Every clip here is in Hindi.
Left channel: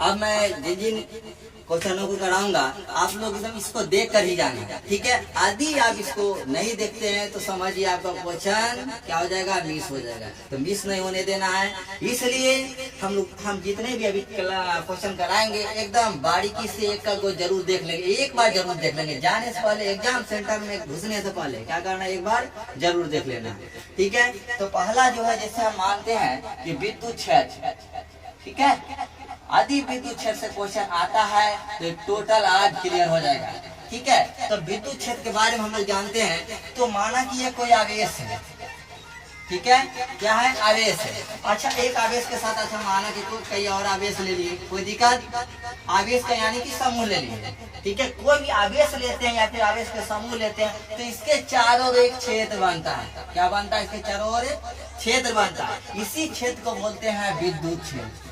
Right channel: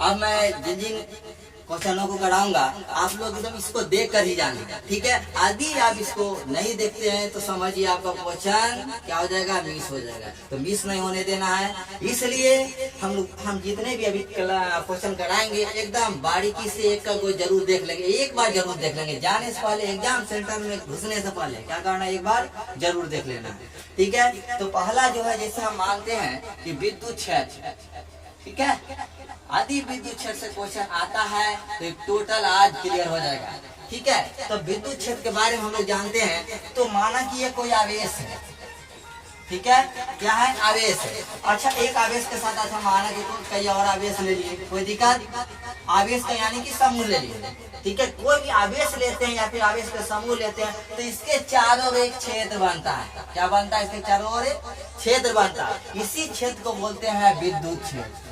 अब मैं जिन जिन क्वेश्चनों को कराऊंगा आप लोग एकदम इसको देख कर ही जाना, ठीक है। यदि आप इसको नहीं देखते हैं तो समझिए आपका क्वेश्चन क्या हो जाएगा, मिस हो जाएगा। तो मिस नहीं होने देना है, इसलिए हम जितने भी अभी क्वेश्चन कराएंगे एकदम बारीकी से एक का को जरूर देख लेंगे, एक बार जरूर देख लेंगे। जाने से पहले एग्जाम सेंटर में घुसने से पहले क्या करना, एक बार जरूर देख लेना, ठीक है। तो पहला जो है, जैसे हम मानते हैं कि विद्युत क्षेत्र, ठीक है, यदि विद्युत क्षेत्र से क्वेश्चन आता है तो टोटल आज क्लियर हो जाएगा, ठीक है। तो विद्युत क्षेत्र के बारे में हम लोग जानते हैं। तो माना कि ये कोई आवेश है, ठीक है, क्या है, आवेश है। अच्छा, एक आवेश के साथ अच्छा माना कि कई और आवेश ले लिए, कोई दिक्कत, आवेश का यानी कि समूह ले लिए, ठीक है। कोई भी आवेश लेते हैं या फिर आवेश का समूह लेते हैं तो इसके चारों ओर एक क्षेत्र बनता है। क्या बनता है, इसके चारों ओर क्षेत्र बनता है। इसी क्षेत्र को बोलते हैं विद्युत क्षेत्र,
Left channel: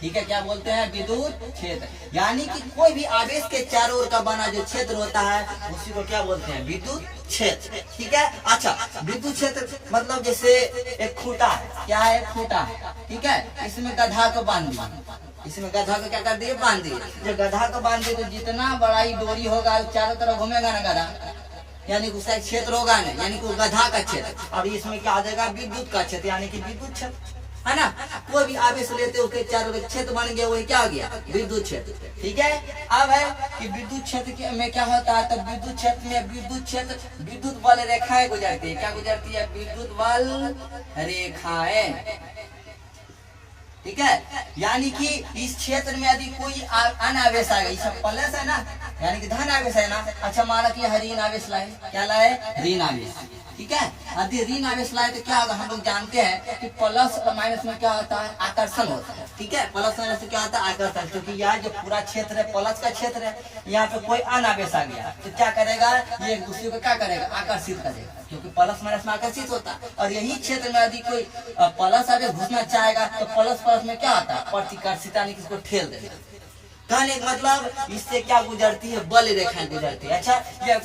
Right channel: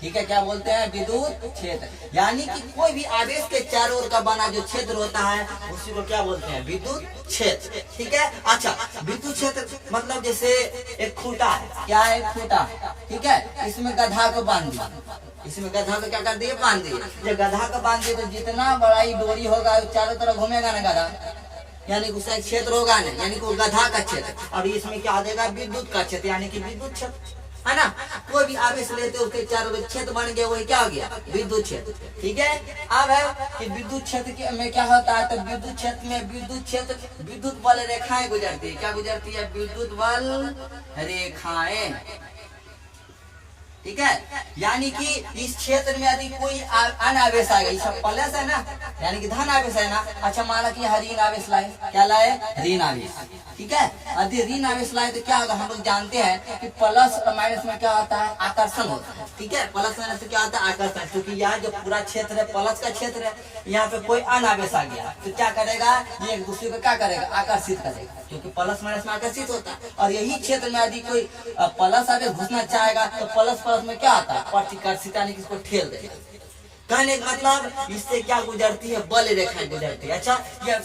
ठीक है। क्या बोलते हैं, विद्युत क्षेत्र। यानी कि कोई भी आवेश के चारों ओर का बना जो क्षेत्र होता है उसी को क्या बोलते हैं, विद्युत क्षेत्र, ठीक है। अच्छा, विद्युत क्षेत्र मतलब जैसे एक खूंटा है, क्या है, खूंटा, ठीक है। इसमें गधा को बांध दिया, इसमें गधा को क्या कर दिए, बांध दिए। जब गधा को बांध दिए तो जितना बड़ा ही डोरी होगा चारों तरफ घूमेगा ना गधा, यानी उसका क्षेत्र होगा ना, यानी कि गधा का क्षेत्र। और इसमें क्या आ जाएगा, विद्युत का क्षेत्र, यानी कि विद्युत क्षेत्र, है ना। कोई भी आवेश लेते उसके चारों ओर क्षेत्र बन गया, वही क्या हो गया, विद्युत क्षेत्र, ठीक है। अब है कि विद्युत क्षेत्र में क्या होता है, तो विद्युत क्षेत्र में विद्युत क्षेत्र विद्युत बल रेखाएं गुजरती है। क्या गुजरती है, विद्युत बल रेखाएं, ठीक है। यानी कि इस क्षेत्र में यदि कोई अन्य आवेश आएगा, ये सब प्लस है ना, यानी कि धन आवेश है ना। अच्छा, माना कि ऋण आवेश लाए, क्या लाए, ऋण आवेश, ठीक है। यदि ऋण आवेश लाए तो क्या होगा, हम लोग जानते हैं कि प्लस और माइनस में क्या होता है, आकर्षण होता है, ठीक है। प्लस माइनस से क्या होता है, आकर्षण। क्योंकि यहाँ जो पूरा क्षेत्र है प्लस का क्षेत्र है, यहाँ पे कोई अन्य आवेश आ गया तो क्या करेगा, ये एक दूसरे को क्या करेगा, आकर्षित करेगा, क्योंकि प्लस माइनस में आकर्षित होता है। और यही क्षेत्र में यदि कोई प्लस आवेश घुसना चाहेगा तो प्लस प्लस में क्या आता है, प्रतिकर्षित, यानी कि इसको ठेल देगा। कहने का मतलब इससे क्या गुजरती है, बल रेखाएं गुजरती है। अच्छा, ये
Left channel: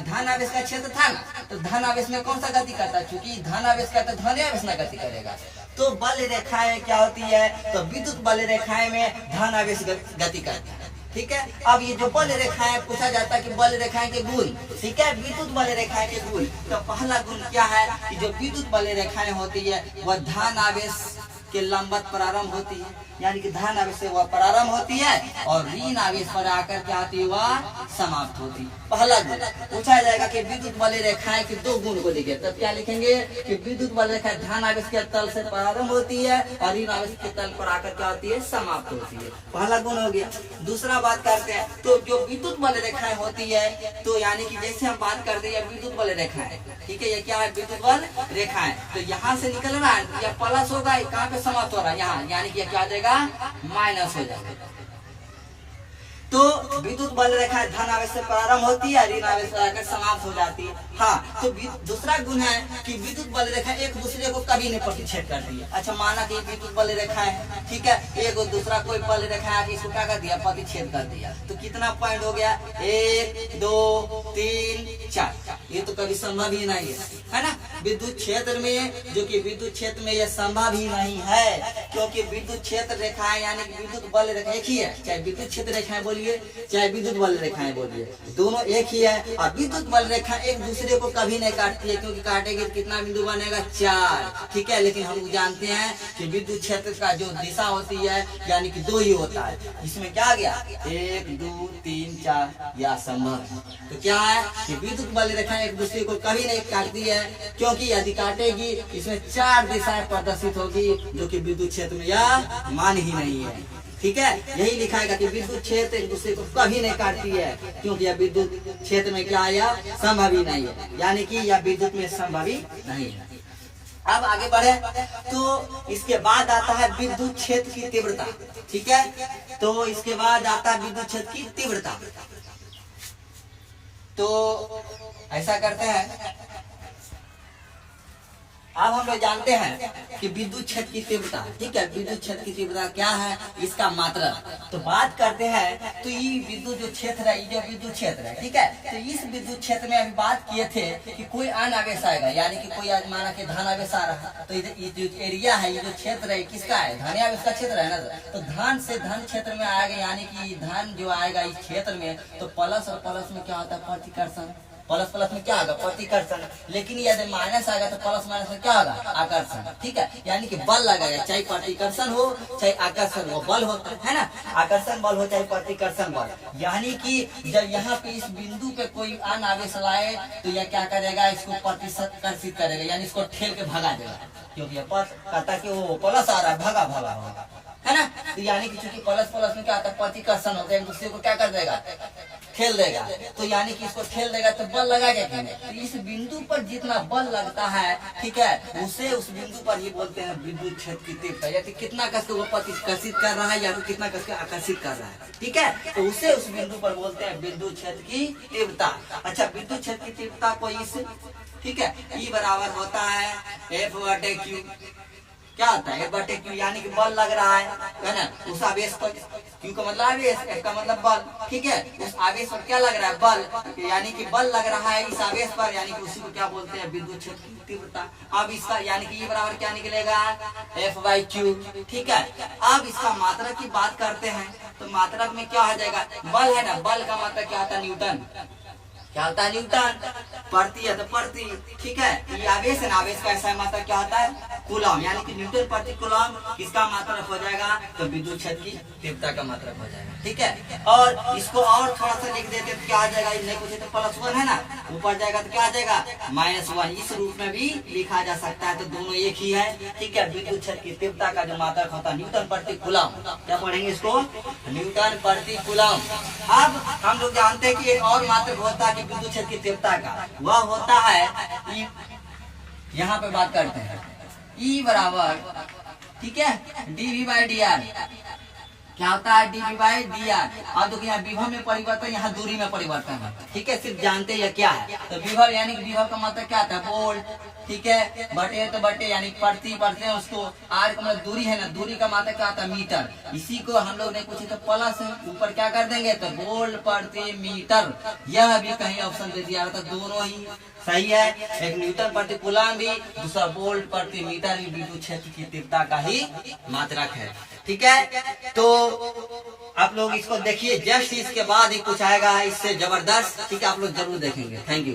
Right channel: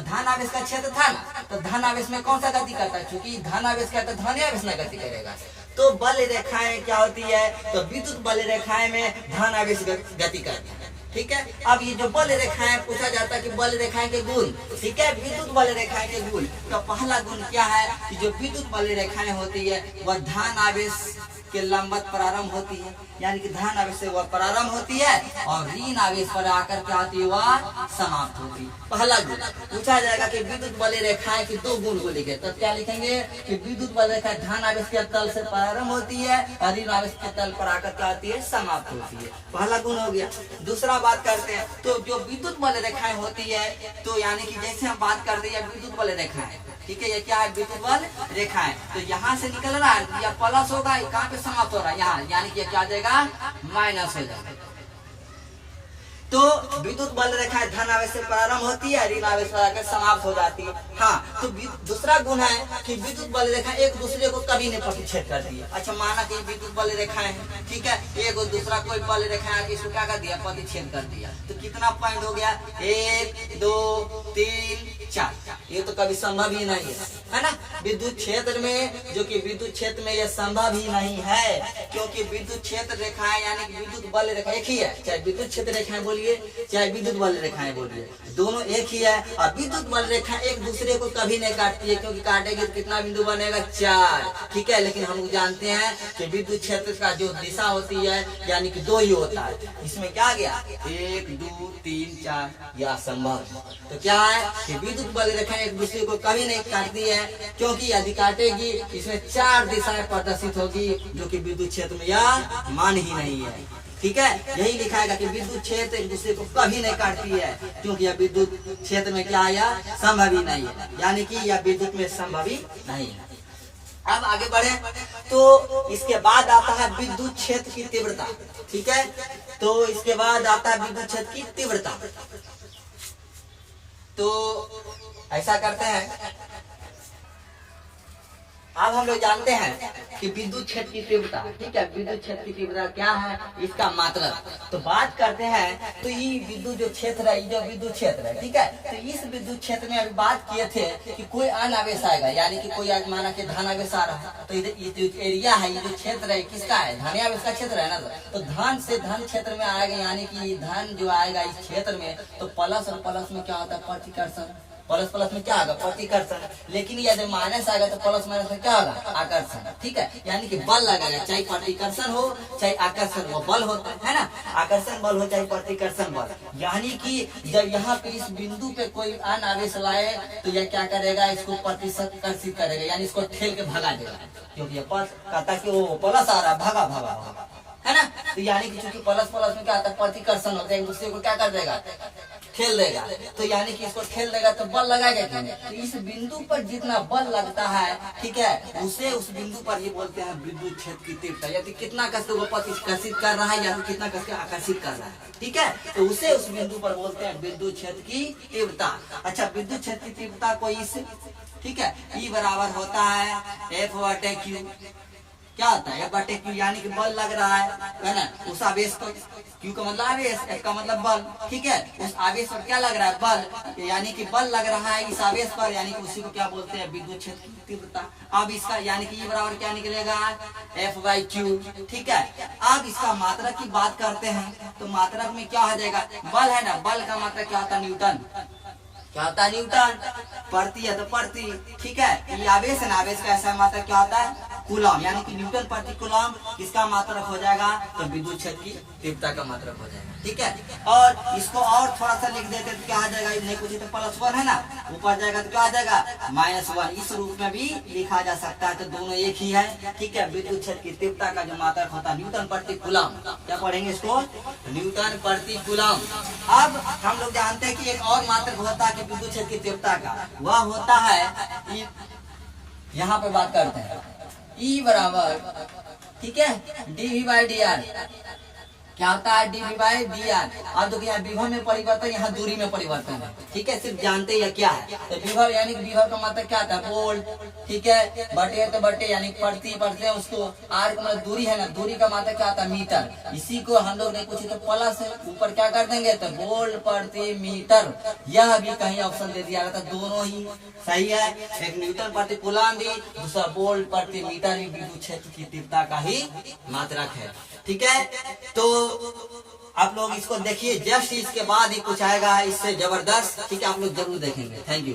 धन आवेश का क्षेत्र था ना, तो धन आवेश में कौन सा गति करता है, क्योंकि धन आवेश का तो धन आवेश ना गति करेगा। तो बल रेखाएं क्या होती है, तो विद्युत बल रेखाएं में धन आवेश गति करती है, ठीक है। अब ये जो बल रेखाएं पूछा जाता है कि बल रेखाएं के गुण, ठीक है, विद्युत बल रेखाएं के गुण। तो पहला गुण क्या है कि जो विद्युत बल रेखाएं होती है वह धन आवेश के लंबवत प्रारंभ होती है, यानी कि धन आवेश से वह प्रारंभ होती है और ऋण आवेश पर आकर क्या होती है, वह समाप्त होती है। पहला गुण पूछा जाएगा कि विद्युत बल रेखाएं के दो गुण को लिखे, तब क्या लिखेंगे कि विद्युत बल रेखाएं धन आवेश के तल से प्रारंभ होती है और ऋण आवेश के तल पर आकर क्या होती है, समाप्त होती है। पहला गुण हो गया। दूसरा बात करते हैं, तो जो विद्युत बल रेखाएं होती है, तो यानी कि जैसे हम बात करते हैं विद्युत बल रेखाएं, ठीक है, ये क्या है, विद्युत बल रेखाएं। तो यहाँ से निकल रहा है, या प्लस होगा, कहाँ पे समाप्त हो रहा है, यहाँ, यानी कि क्या आ जाएगा, माइनस हो जाएगा। तो विद्युत बल रेखाएं धन आवेश से प्रारंभ होती है, ऋण आवेश पर आकर समाप्त हो जाती है। हाँ, तो दूसरा गुण है कि विद्युत बल रेखाएं एक दूसरे को कभी नहीं प्रतिच्छेद करती है। अच्छा, माना कि विद्युत बल रेखाएं है, ठीक है, एक और दूसरा कोई बल रेखा आके इसको क्या कर दिया, प्रतिच्छेद कर दिया। तो कितना पॉइंट हो गया, 1 2 3 4, ये तो कभी संभव ही नहीं है ना। विद्युत क्षेत्र में, जो कि विद्युत क्षेत्र में यह संभव ही नहीं है, क्योंकि विद्युत क्षेत्र रेखाएं यानी कि विद्युत बल रेखा एक ही है, चाहे विद्युत क्षेत्र रेखाएं बोलिए चाहे विद्युत बल रेखाएं बोलिए, दोनों एक ही है। और विद्युत बल रेखा एक दूसरे को कभी नहीं काटती है, क्योंकि काटेंगे तो कितना बिंदु बनेगा, 4, ठीक है। लेकिन हम जानते हैं कि विद्युत क्षेत्र का जो दिशा होती है यानी कि 2 ही होता है। इसमें क्या गया, 1 2 3 4, यह संभव। तो क्या है कि विद्युत बल रेखा एक दूसरे को कभी नहीं काटती है, क्योंकि यदि काटेगी इसमें 4 दिशाएं प्रदर्शित होगी, जो कि विद्युत क्षेत्र में यह मान ही नहीं है, ठीक है। यही लिखाएगा कि विद्युत क्षेत्र एक दूसरे को कभी नहीं काटती है, क्योंकि यह विद्युत क्षेत्र में क्या आया, संभव ही नहीं है, यानी कि यह विद्युत में संभव ही नहीं है। अब आगे बढ़े, तो इसके बाद आता है विद्युत क्षेत्र की तीव्रता, ठीक है। तो इसके बाद आता है विद्युत क्षेत्र की तीव्रता। तो ऐसा करते हैं, अब हम लोग जानते हैं कि विद्युत क्षेत्र की तीव्रता, ठीक है, विद्युत क्षेत्र की तीव्रता क्या है, इसका मात्रा। तो बात करते हैं, तो ये विद्युत जो क्षेत्र है, ये जो विद्युत क्षेत्र है, ठीक है, तो इस विद्युत क्षेत्र में अभी बात किए थे कि कोई अन्य आवेश आएगा, यानी कि कोई आज माना कि धन आवेश आ रहा है, तो ये जो एरिया है, ये जो क्षेत्र है, किसका है, धन आवेश का क्षेत्र है ना। तो धन से धन क्षेत्र में आएगा, यानी कि धन जो आएगा इस क्षेत्र में, तो प्लस और प्लस में क्या होता है, प्रतिकर्षण। प्लस प्लस में क्या होगा, प्रतिकर्षण। लेकिन यदि माइनस आएगा तो प्लस माइनस में क्या होगा, आकर्षण, ठीक है, यानी कि बल लगेगा, चाहे प्रतिकर्षण हो चाहे आकर्षण हो, बल होता है ना, आकर्षण बल हो चाहे प्रतिकर्षण बल। यानी कि जब यहाँ पे इस बिंदु पे कोई अन्य आवेश लाए तो यह क्या करेगा, इसको प्रतिकर्षित करेगा, यानी इसको ठेल के भगा देगा, क्योंकि ये कहता कि वो प्लस आ रहा है, भगा भगा होगा, है ना। तो यानी कि चूंकि प्लस प्लस में क्या आता है, प्रतिकर्षण होता है, एक दूसरे को क्या कर देगा, ठेल देगा। तो यानी कि इसको ठेल देगा तो बल लगाएगा कि नहीं। तो इस बिंदु पर जितना बल लगता है, ठीक है, उसे उस बिंदु पर ही बोलते हैं विद्युत क्षेत्र की तीव्रता, या कितना कस को प्रतिकर्षित कर रहा है या फिर कितना कस के आकर्षित कर रहा है, ठीक है, तो उसे उस बिंदु पर बोलते हैं विद्युत क्षेत्र की तीव्रता। अच्छा, विद्युत क्षेत्र की तीव्रता को इस, ठीक है, E बराबर होता है F/Q। क्या होता है, F/Q, यानी कि बल लग रहा है ना, उस आवेश पर। Q का मतलब आवेश, F का मतलब बल, ठीक है, उस आवेश पर क्या लग रहा है, बल, यानी कि बल लग रहा है इस आवेश पर, यानी कि उसी को क्या बोलते हैं, विद्युत क्षेत्र की तीव्रता। अब इसका यानी कि E बराबर क्या निकलेगा, F/Q, ठीक है। अब इसका मात्रक की बात करते हैं, तो मात्रक में क्या हो जाएगा, बल है ना, बल का मात्रक क्या होता है, न्यूटन। क्या होता है, न्यूटन। प्रति है तो प्रति, ठीक है, ये आवेश है ना, आवेश का ऐसा मात्रक क्या होता है, कूलम, यानी कि न्यूटन प्रति कूलम किसका मात्रक हो जाएगा, तो विद्युत क्षेत्र की तीव्रता का मात्रक हो जाएगा, ठीक है। और इसको और थोड़ा सा लिख देते तो क्या आ जाएगा, नहीं पूछे तो +1 है ना, ऊपर जाएगा तो क्या आ जाएगा, -1। इस रूप में भी लिखा जा सकता है, तो दोनों एक ही है, ठीक है। विद्युत क्षेत्र की तीव्रता का जो मात्रक होता है न्यूटन प्रति कूलम, क्या पढ़ेंगे इसको, न्यूटन प्रति कूलम। अब हम लोग जानते हैं कि एक और मात्रक होता है कि विद्युत क्षेत्र की तीव्रता का, वह होता है, यहाँ पे बात करते हैं, E बराबर, ठीक है, dV/dr। क्या होता है, dV/dr। अब देखो यहाँ विभव में परिवर्तन, यहाँ दूरी में परिवर्तन है, ठीक है, सिर्फ जानते हैं क्या है। तो विभव यानी कि विभव का मतलब क्या आता है, वोल्ट, ठीक है, बटे तो बटे यानी प्रति पढ़ते हैं उसको। आर का मतलब दूरी है ना, दूरी का मतलब क्या आता है, मीटर। इसी को हम लोग ने पूछे तो प्लस है, ऊपर क्या कर देंगे, तो वोल्ट प्रति मीटर। यह भी कहीं ऑप्शन दे दिया था, दोनों ही सही है, एक न्यूटन प्रति कूलम भी, दूसरा वोल्ट प्रति मीटर भी विद्युत क्षेत्र की तीव्रता का ही मात्रक है, ठीक है। तो आप लोग इसको देखिए, जस्ट इसके बाद ही कुछ आएगा इससे जबरदस्त, ठीक है, आप लोग जरूर देखेंगे। Thank you.